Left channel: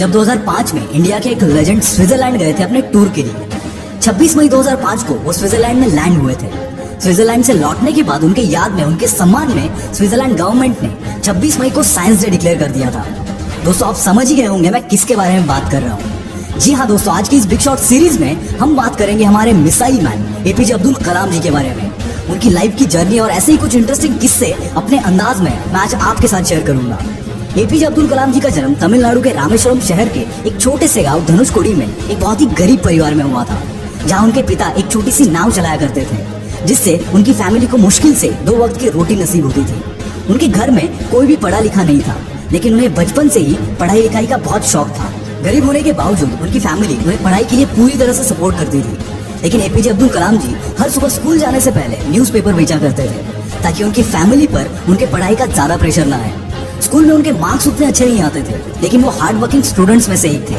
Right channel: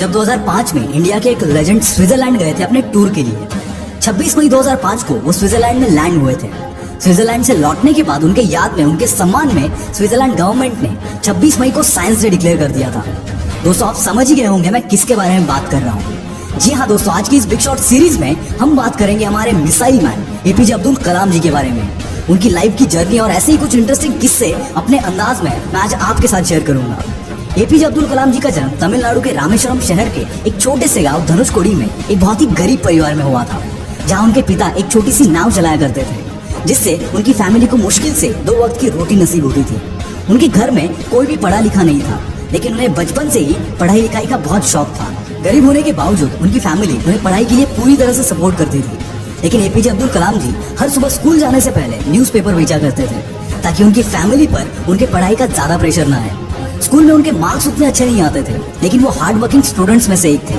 जब 2005 में इंडिया के एक लेजेंड स्विट्जरलैंड गए थे अपने टूर के लिए। 26 मई 2005 को वो स्विट्जरलैंड में लैंड हुए थे। स्विट्जरलैंड से लौटने के बाद उनके याद में, उनके सम्मान में स्विट्जरलैंड गवर्नमेंट ने 26 मई को साइंस डे डिक्लेयर कर दिया था। दोस्तों, आप समझ ही गए होंगे मैं किसके बारे में बात कर रहा हूँ। जी हाँ दोस्तों, आज की इस बिग शॉट सीरीज में हम बात करेंगे हमारे missile man APJ Abdul Kalam जी के बारे में, उनकी लाइफ की जर्नी और ऐसे ही कुछ इंटरेस्टिंग किस्से अपने अंदाज में मैं आज आपके साथ शेयर करूंगा। एपीजे अब्दुल कलाम जी का जन्म तमिलनाडु के रामेश्वरम शहर के एक छोटे से गांव धनुषकोडी में एक बहुत ही गरीब परिवार में हुआ था, जहां उनके पिता एक छोटी सी नाव चलाया करते थे, जिससे उनकी फैमिली को मुश्किल से 2 वक्त की रोटी नसीब होती थी। उनके घर में कोई भी पढ़ा लिखा नहीं था, लेकिन उन्हें बचपन से ही पढ़ाई लिखाई का बहुत शौक था। गरीब होने के बावजूद उनकी फैमिली उन्हें पढ़ाई के लिए पूरी तरह से सपोर्ट करती थी। लेकिन एपीजे अब्दुल कलाम जी हर सुबह स्कूल जाने से पहले न्यूज़पेपर भेजा करते थे, ताकि उनकी फैमिली पर उनके पढ़ाई का ज्यादा प्रेशर न रहे। स्कूल में उनके मार्क्स उतने अच्छे नहीं आते थे, लेकिन वो हार्ड वर्किंग स्टूडेंट्स में से एक थे।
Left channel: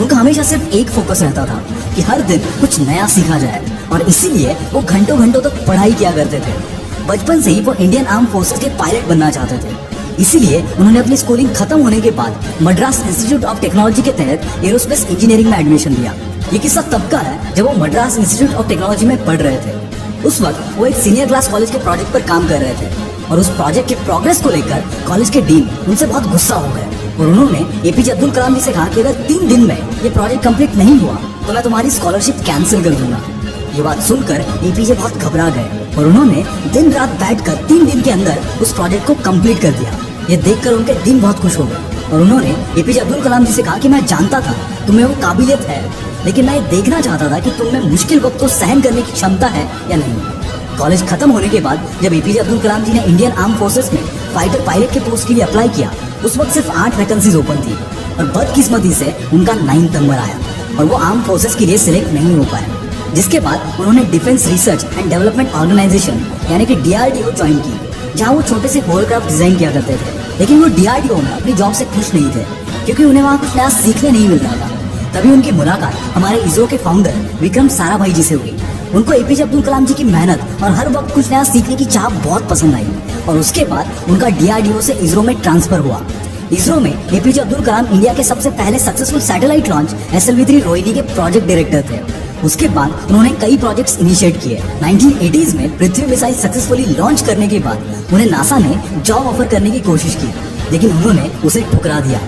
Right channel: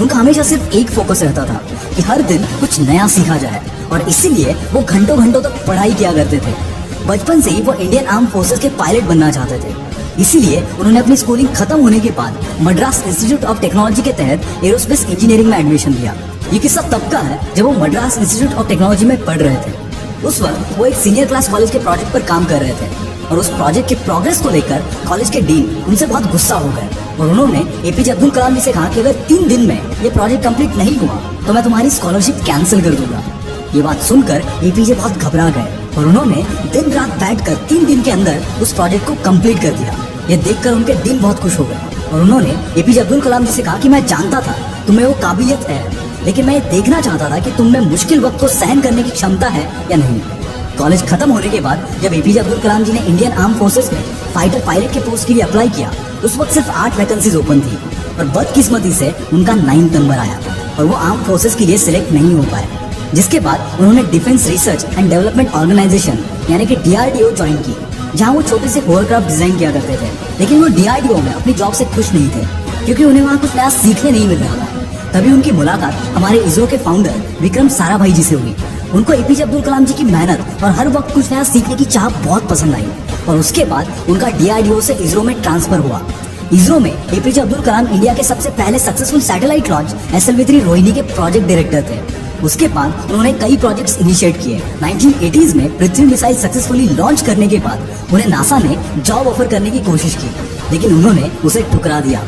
उनका हमेशा सिर्फ एक फोकस रहता था कि हर दिन कुछ नया सीखा जाए, और इसीलिए वो घंटों घंटों तक पढ़ाई किया करते थे। बचपन से ही वो इंडियन आर्म फोर्सेस के पायलट बनना चाहते थे, इसीलिए उन्होंने अपनी स्कूलिंग खत्म होने के बाद मद्रास इंस्टीट्यूट ऑफ टेक्नोलॉजी के तहत एरोस्पेस इंजीनियरिंग में एडमिशन लिया। ये किस्सा तब का है जब वो मद्रास इंस्टीट्यूट ऑफ टेक्नोलॉजी में पढ़ रहे थे। उस वक्त वो एक सीनियर क्लास कॉलेज के प्रोजेक्ट पर काम कर रहे थे, और उस प्रोजेक्ट की प्रोग्रेस को लेकर कॉलेज के डीन उनसे बहुत गुस्सा हो गए, और उन्होंने एपीजे अब्दुल कलाम जी से कहा कि अगर 3 दिन में ये प्रोजेक्ट कंप्लीट नहीं हुआ तो मैं तुम्हारी स्कॉलरशिप कैंसिल कर दूंगा। ये बात सुनकर एपीजे बहुत घबरा गए, और उन्होंने दिन रात बैठकर 3 दिन के अंदर उस प्रोजेक्ट को कंप्लीट कर दिया। ये देखकर उनके दिल बहुत खुश हो गए, और उन्होंने एपीजे अब्दुल कलाम जी से कहा कि मैं जानता था तुम्हें वो काबिलियत है, लेकिन मैं देखना चाहता था कि तुम में मुश्किल वक्त को सहन करने की क्षमता है या नहीं। कॉलेज खत्म होने के बाद जब एपीजे अब्दुल कलाम जी ने इंडियन आर्म फोर्सेस में फाइटर पायलट के पोस्ट के लिए अप्लाई किया, उस वक्त सिर्फ 8 वैकेंसीज ओपन थी, और बदकिस्मती से उनका 9 नंबर आया और वो आर्म फोर्सेस के लिए सिलेक्ट नहीं हो पाए। जिसके बाद उन्होंने defence research and development organisation यानी कि डीआरडीओ ज्वाइन की, जहाँ वो छोटे से एयरक्राफ्ट डिजाइन किया करते थे। लेकिन वो डीआरडीओ में अपनी जॉब से खुश नहीं थे, क्योंकि उन्हें वहाँ कुछ नया सीखने नहीं मिल रहा था। तभी उनकी मुलाकात हमारे इसरो के फाउंडर विक्रम साराभाई जी से हुई। उनको एपीजे अब्दुल कलाम जी की मेहनत और हर वक्त कुछ नया सीखने की चाह बहुत पसंद आई, और उसके बाद उनका डीआरडीओ से इसरो में ट्रांसफर हुआ। इसरो में एपीजे अब्दुल कलाम इंडिया के सबसे पहले successful satellite launch SLV-3 Rohini के प्रोजेक्ट डायरेक्टर थे। उसके बाद उन्होंने कई प्रोजेक्ट्स इनिशिएट किए। 1980s में पृथ्वी मिसाइल सक्सेसफुली लॉन्च करने के बाद उन्हें नासा ने जॉब ऑफर करने की कोशिश की, लेकिन उन्होंने उसे ठुकरा दिया।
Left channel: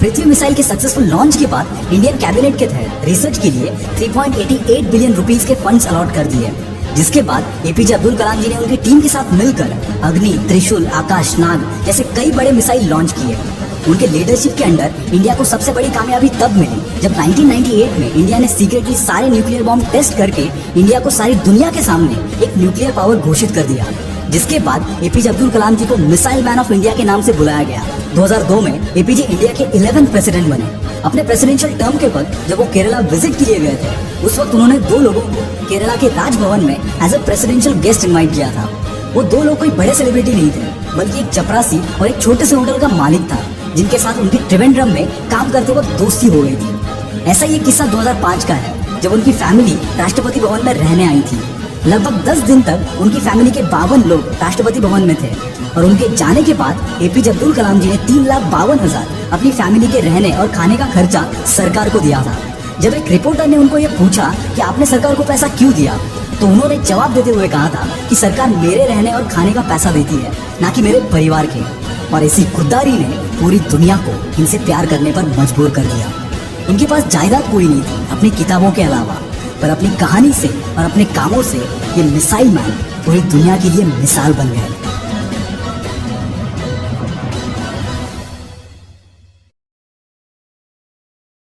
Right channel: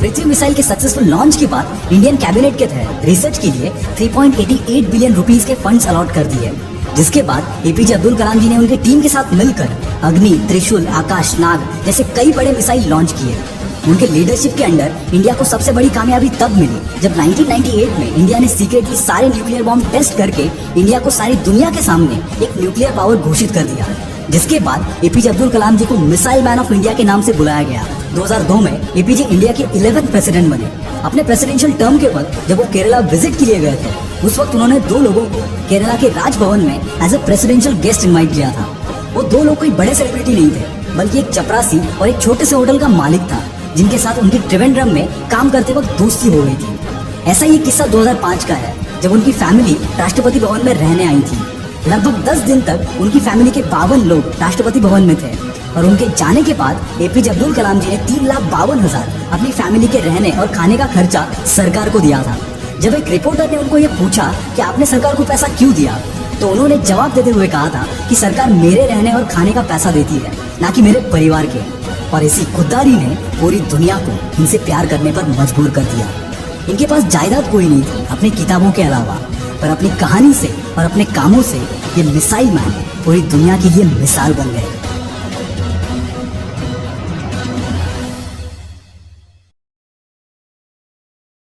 पृथ्वी मिसाइल के सक्सेसफुल लॉन्च के बाद इंडियन कैबिनेट के तहत रिसर्च के लिए 3.88 बिलियन रुपीस के फंड्स अलॉट कर दिए, जिसके बाद एपीजे अब्दुल कलाम जी ने उनकी टीम के साथ मिलकर अग्नि, त्रिशूल, आकाश, नाग जैसे कई बड़े मिसाइल लॉन्च किए। उनके लीडरशिप के अंडर इंडिया को सबसे बड़ी कामयाबी तब मिली जब 1998 में इंडिया ने सीक्रेटली सारे न्यूक्लियर बॉम्ब टेस्ट करके इंडिया को सारी दुनिया के सामने एक न्यूक्लियर पावर घोषित कर दिया। जिसके बाद एपीजे अब्दुल कलाम जी को मिसाइल मैन ऑफ इंडिया के नाम से बुलाया गया। 2002 में एपीजे इंडिया के 11th प्रेसिडेंट बने। अपने प्रेसिडेंशियल टर्म के वक्त जब वो केरला विजिट के लिए गए थे, उस वक्त उन्होंने 2 लोगों को केरला के राजभवन में as a presidential guest invite किया था। वो 2 लोग कोई बड़े सेलिब्रिटी नहीं थे, बल्कि एक चपरासी और एक छोटे से होटल का मालिक था, जिनके साथ उनकी त्रिवेंद्रम में काम करते वक्त दोस्ती हो गई थी। ऐसा ये किस्सा 2005 का है, जब उनकी फैमिली राष्ट्रपति भवन में रहने आई थी। लगभग 10 दिन तक उनकी फैमिली के 52 लोग राष्ट्रपति भवन में थे, और उनके जाने के बाद एपीजे अब्दुल कलाम जी ने 3,52,000 अपनी फैमिली के रहने और खाने का खर्चा सरकार को दिया था। जब एक रिपोर्टर ने उनको ये पूछा कि आपने सरकार को पैसा क्यों दिया, तो उन्होंने जवाब देते हुए कहा था कि सरकार मेरे रहने और खाने का पैसा देती है, ना कि मेरे परिवार के। और इसी खुददारी ने पूरी दुनिया को इनसे प्यार करने पर मजबूर कर दिया। इनके पास जायदाद कोई नहीं थी अपनी किताबों के अलावा, पर अपनी कहानी से और अपने कामों से ये मिसाइल मैन पूरी दुनिया के लिए मिसाल बन गए।